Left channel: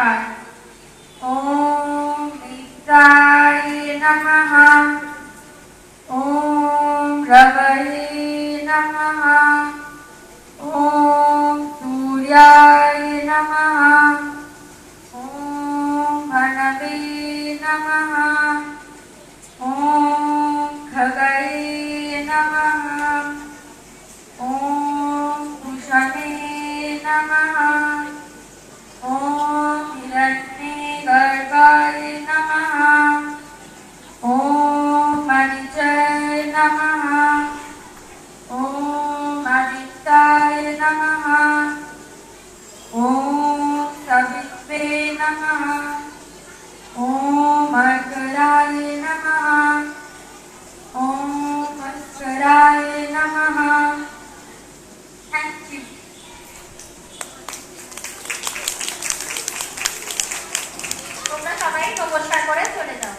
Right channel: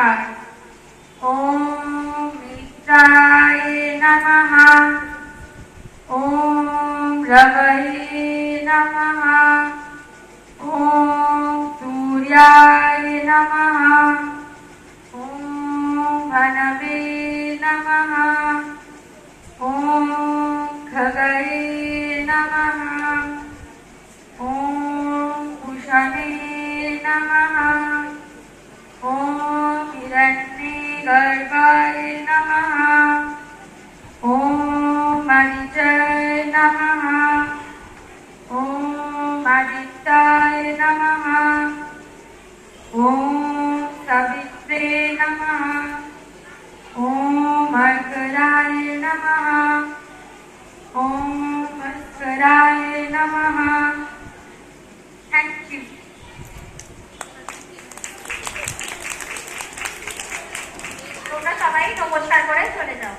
नमस्कार। ओम मित्राय नमः। ओम रवये नमः। ओम सूर्याय नमः। ओम भनवे नमः। ओम खगये नमः। ओम उषणे नमः। ओम हिरण्यगर्भाय नमः। ओम मरीचाय नमः। ओम आदित्याय नमः। ओम सवित्रे नमः। ओम अर्कराय नमः। ओम भास्कराय नमः। Thank you. তোমরা সবাই নমস্কার করে চলে যাও।